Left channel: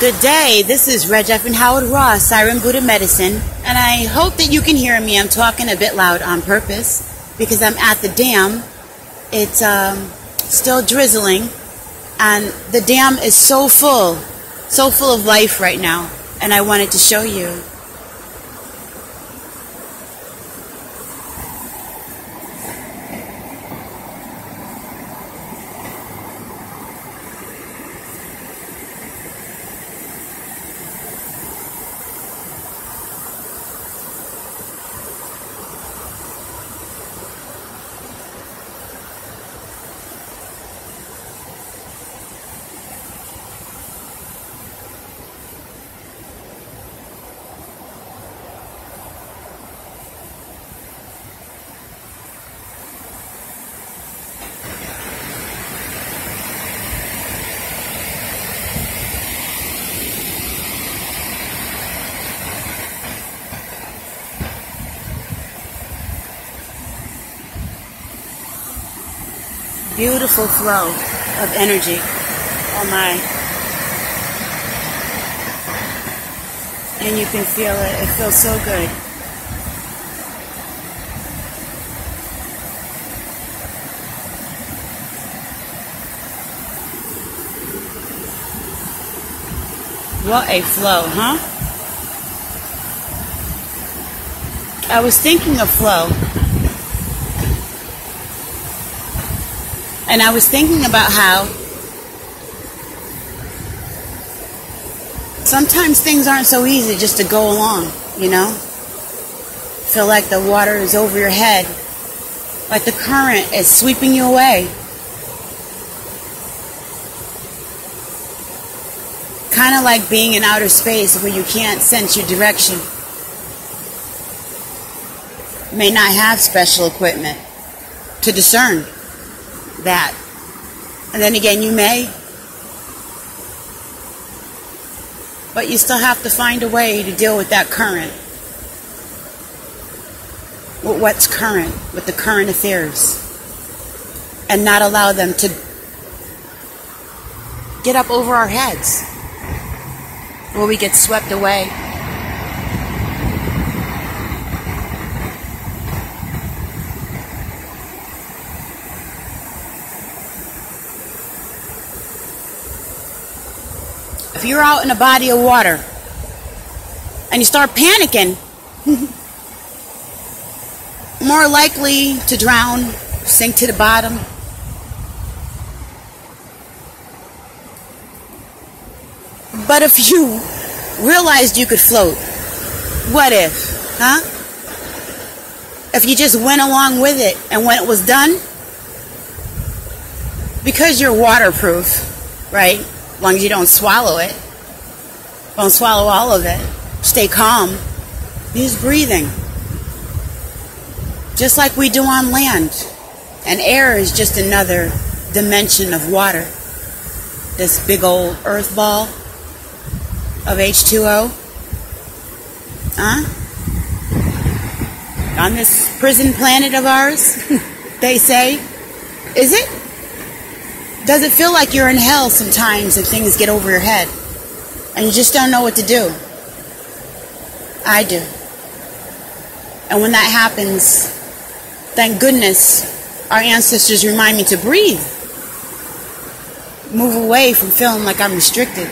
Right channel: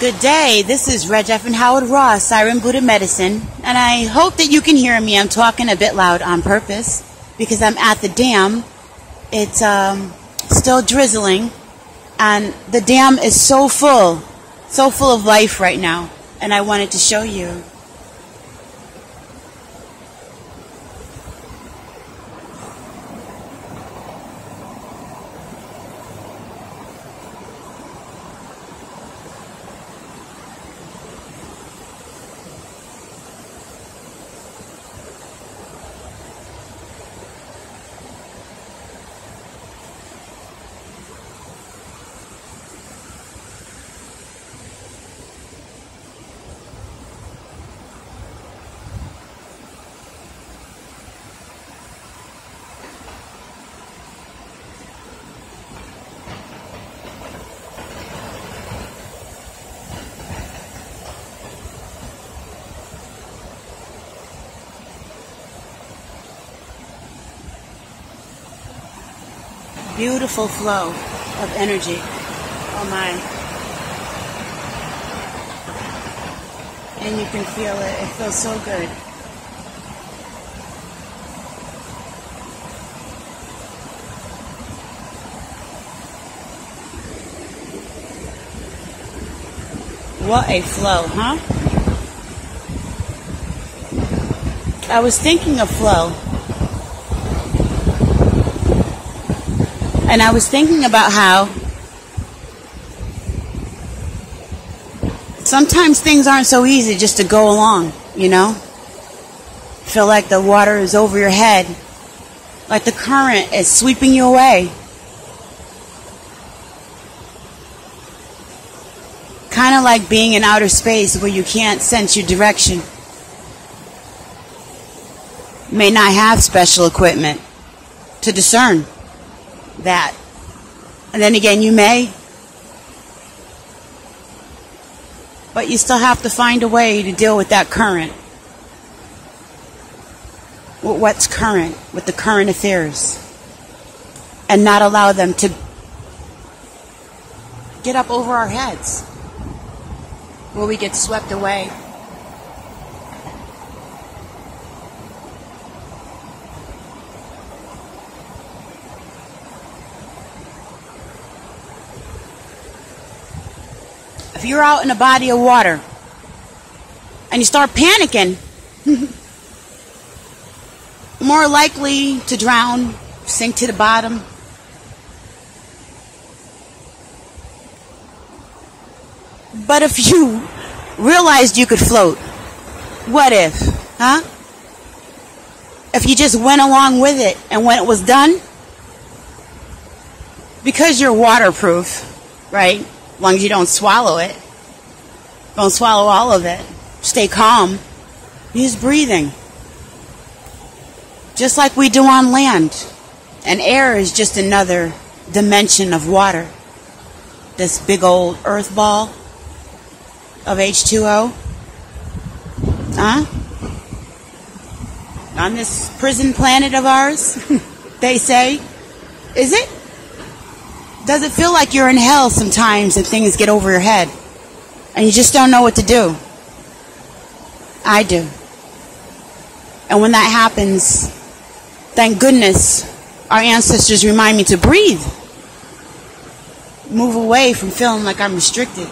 Good day, this is Reg F. and Howard Ross, Siren Buddha Medicine, and I hope that you can hear me. I'm talking a bit loud on purpose because I'm at the dam. It's still drizzling, and the dam is so full of life right now, and I wanted to show you. Beautiful flow of energy. Oh my. And you can feel it. It feels so good. What a flow, huh? I was thinking of flow. And I was thinking about how sometimes things aren't so easy just to go along, you know? Feel like the water is over your head, like the current is sweeping you away. Kind of like being in outer space where you can't sense your direction. You may not have special equipment to discern that. And then again, you may. But you still have to find a way to deal with that current. With what's current, with the current affairs. And not allow them to get up over our heads, where we get swept away. If you're out in a body of water and you start panicking, more likely to drown, sink to the bottom. But if you realized you could float, what if, huh? If you just went along with it, and when it was done, because you're waterproof, right? As long as you don't swallow it, don't swallow all of it, stay calm, use breathing. Just like we do on land. And air is just another dimension of water. This big old earth ball of H2O. Huh? On this prison planet of ours, they say. Is it? Does it feel like you're in hell sometimes and things get over your head and you just don't know what to do? I do. And when that happens, thank goodness our ancestors remind me to breathe. Move away from feeling like I'm restricted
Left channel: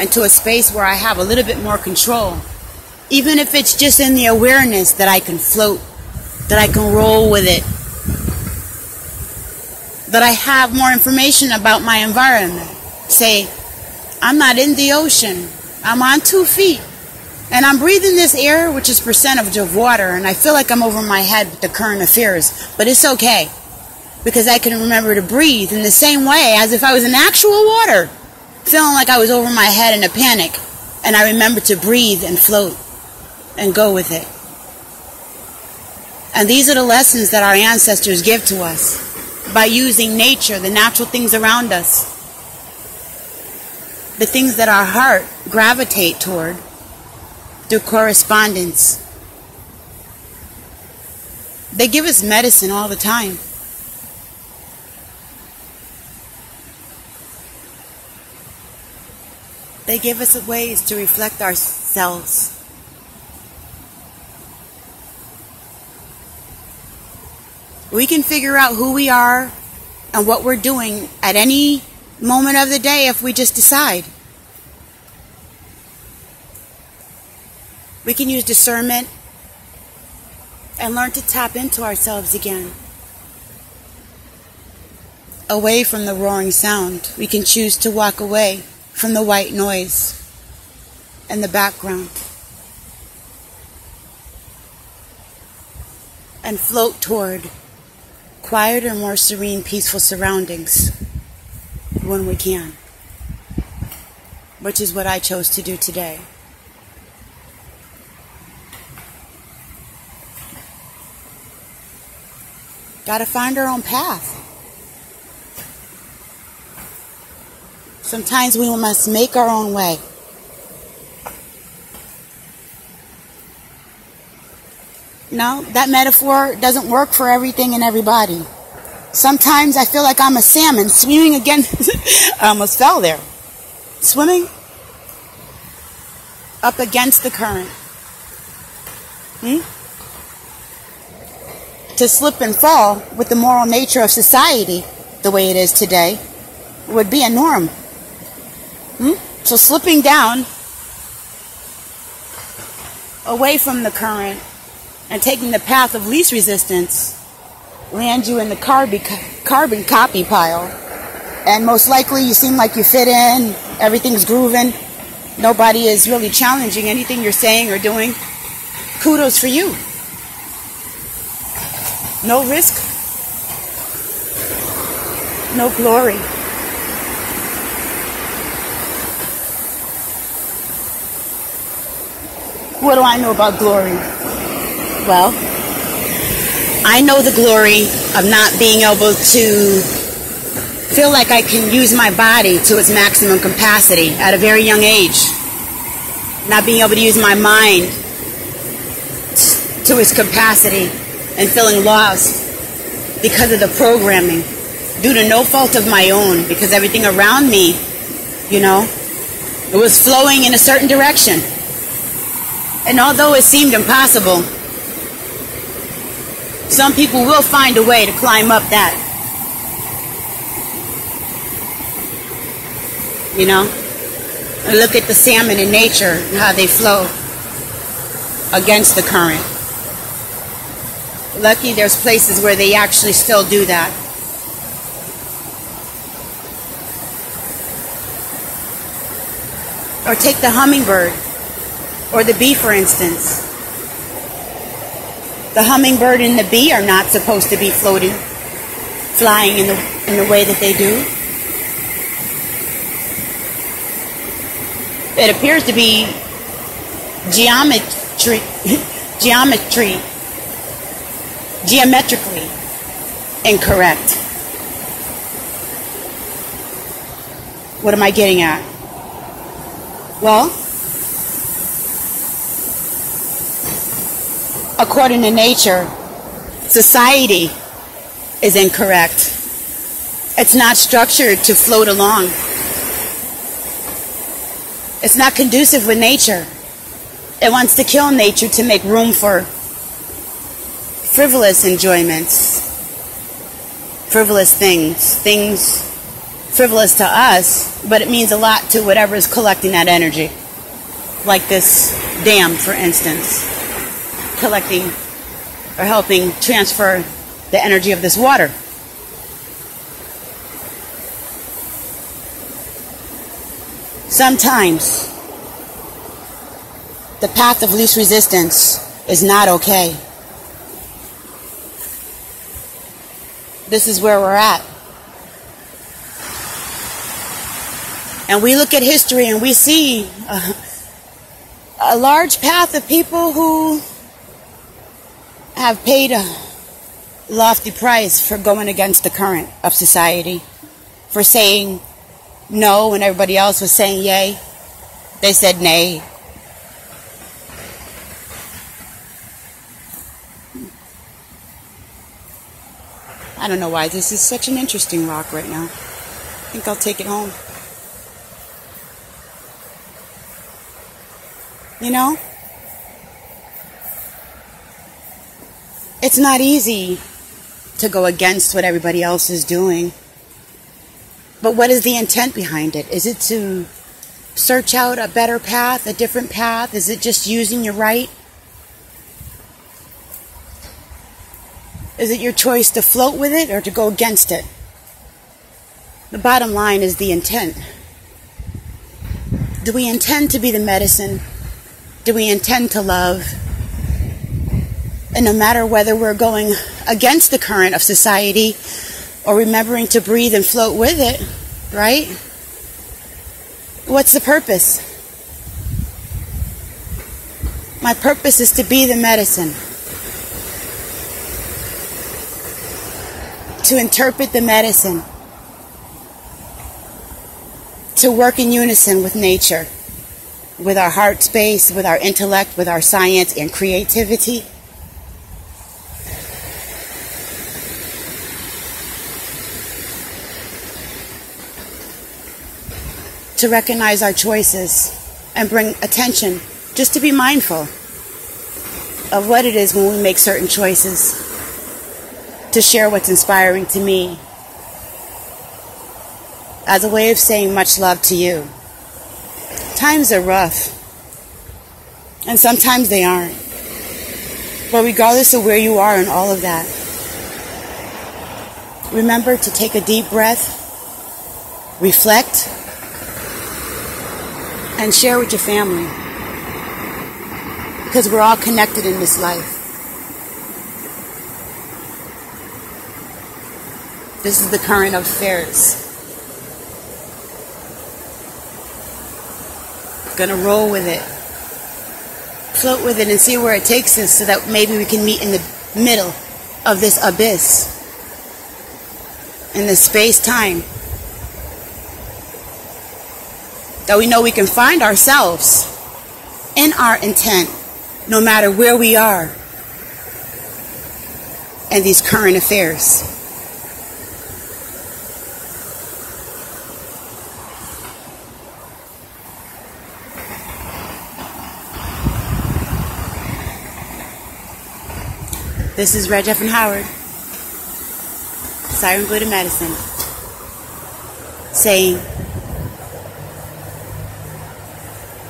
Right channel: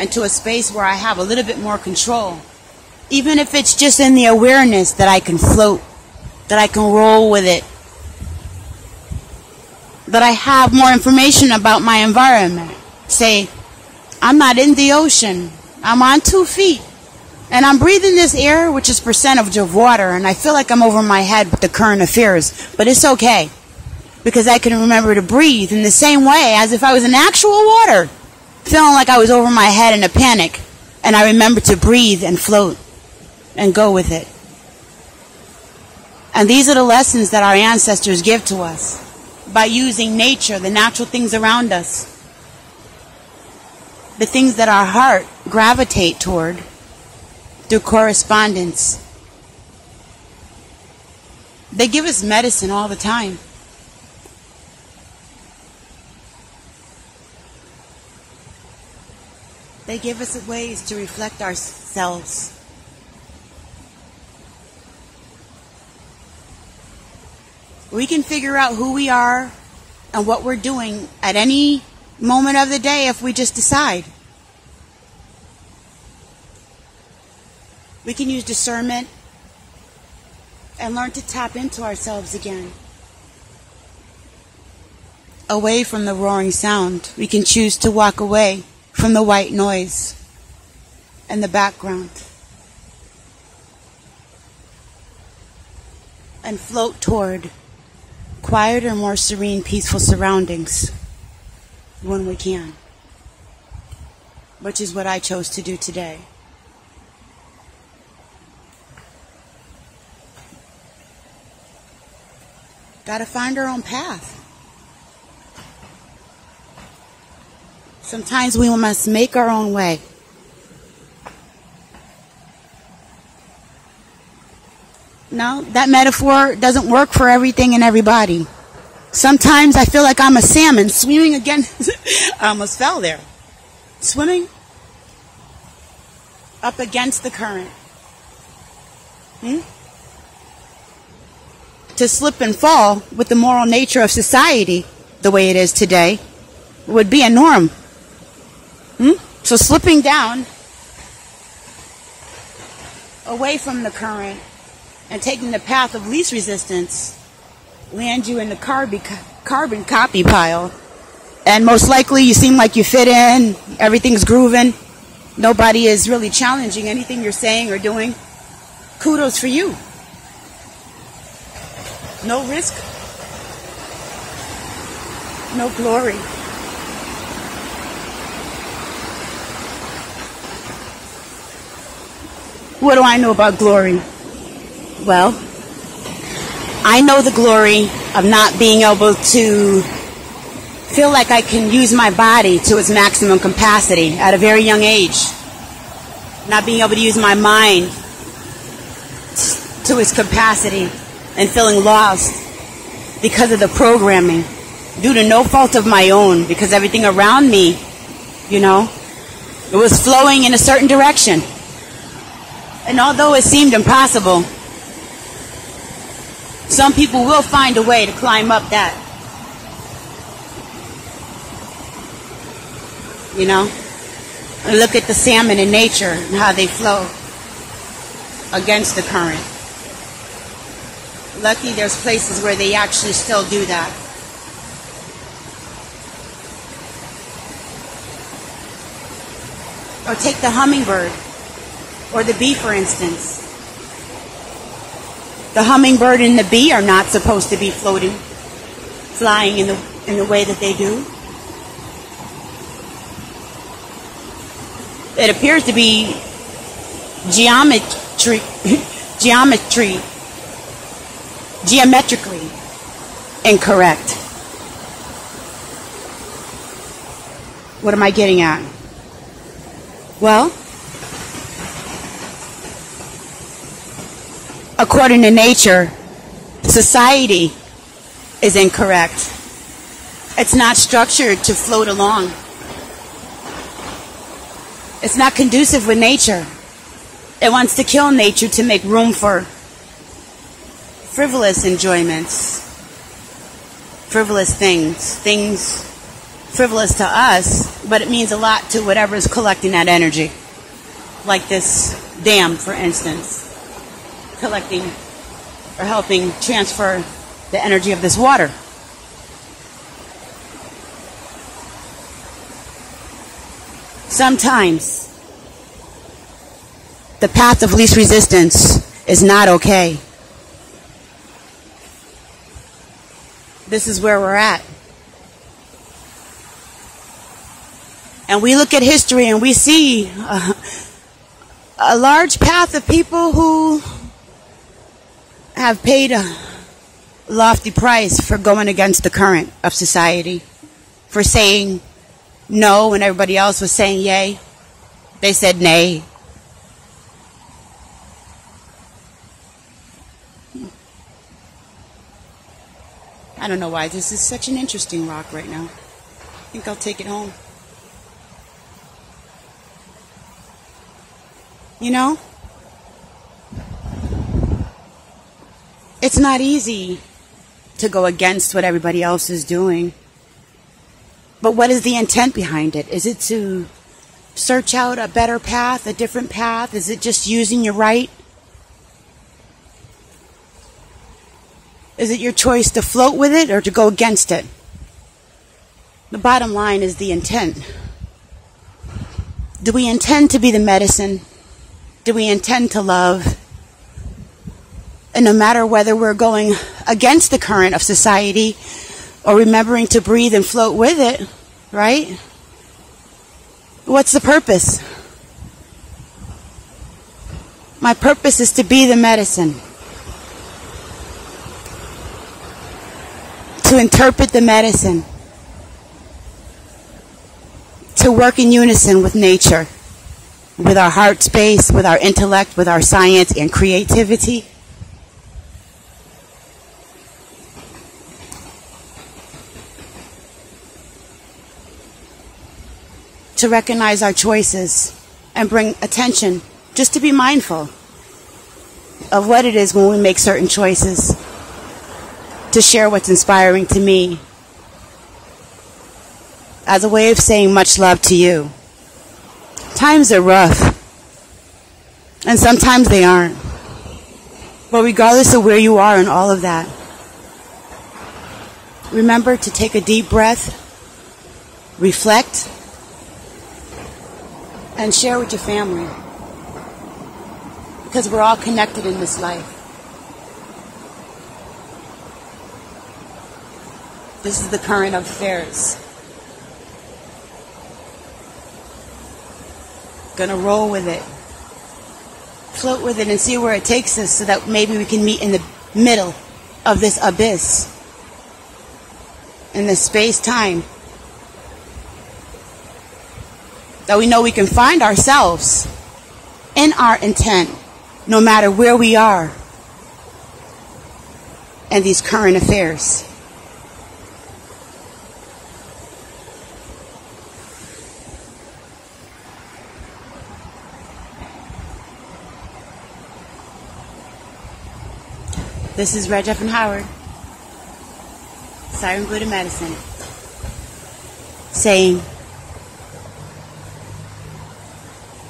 and to a space where I have a little bit more control. Even if it's just in the awareness that I can float, that I can roll with it, that I have more information about my environment. Say, I'm not in the ocean. I'm on 2 feet. And I'm breathing this air, which is percentage of water, and I feel like I'm over my head with the current affairs. But it's okay, because I can remember to breathe in the same way as if I was in actual water, feeling like I was over my head in a panic. And I remember to breathe and float and go with it. And these are the lessons that our ancestors give to us. By using nature, the natural things around us, the things that our heart gravitate toward through correspondence. They give us medicine all the time. They give us ways to reflect ourselves. We can figure out who we are and what we're doing at any moment of the day if we just decide. We can use discernment and learn to tap into ourselves again. Away from the roaring sound. We can choose to walk away from the white noise and the background. And float toward quieter, more serene, peaceful surroundings when we can. Which is what I chose to do today. Gotta find our own path. Sometimes we must make our own way. No, that metaphor doesn't work for everything and everybody. Sometimes I feel like I'm a salmon swimming against... I almost fell there. Swimming up against the current. To slip and fall with the moral nature of society, the way it is today, would be a norm. So slipping down away from the current and taking the path of least resistance land you in the carbon copy pile. And most likely you seem like you fit in, everything's grooving, nobody is really challenging anything you're saying or doing. Kudos for you. No risk, no glory. What do I know about glory? Well, I know the glory of not being able to feel like I can use my body to its maximum capacity at a very young age. Not being able to use my mind to its capacity and feeling lost because of the programming due to no fault of my own, because everything around me, it was flowing in a certain direction. And although it seemed impossible, some people will find a way to climb up that. I look at the salmon in nature and how they float against the current. Lucky there's places where they actually still do that. Or take the hummingbird or the bee, for instance. The hummingbird and the bee are not supposed to be flying in the way that they do. It appears to be geometrically incorrect. What am I getting at? Well, according to nature, society is incorrect. It's not structured to float along. It's not conducive with nature. It wants to kill nature to make room for frivolous enjoyments, frivolous things frivolous to us, but it means a lot to whatever is collecting that energy. Like this dam, for instance, collecting or helping transfer the energy of this water. Sometimes the path of least resistance is not okay. This is where we're at. And we look at history and we see a large path of people who have paid a lofty price for going against the current of society, for saying no when everybody else was saying yay. They said nay. I don't know why this is such an interesting rock right now. I think I'll take it home. You know? It's not easy to go against what everybody else is doing. But what is the intent behind it? Is it to search out a better path, a different path? Is it just using your right? Is it your choice to float with it or to go against it? The bottom line is the intent. Do we intend to be the medicine? Do we intend to love? And no matter whether we're going against the current of society or remembering to breathe and float with it, right? What's the purpose? My purpose is to be the medicine. To interpret the medicine. To work in unison with nature. With our heart space, with our intellect, with our science and creativity. To recognize our choices and bring attention, just to be mindful of what it is when we make certain choices, to share what's inspiring to me as a way of saying much love to you. Times are rough, and sometimes they aren't, but regardless of where you are in all of that, remember to take a deep breath, reflect, and share with your family, because we're all connected in this life. This is the current of affairs. We're going to roll with it, float with it, and see where it takes us, so that maybe we can meet in the middle of this abyss, in this space-time. That we know we can find ourselves in our intent, no matter where we are in these current affairs. This is Reg F. and Howard, Cyber Buddha Medicine, saying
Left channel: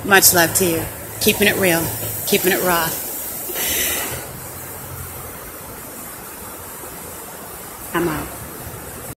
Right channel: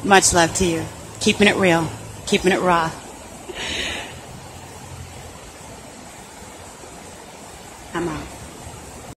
much love to you. Keeping it real. Keeping it raw.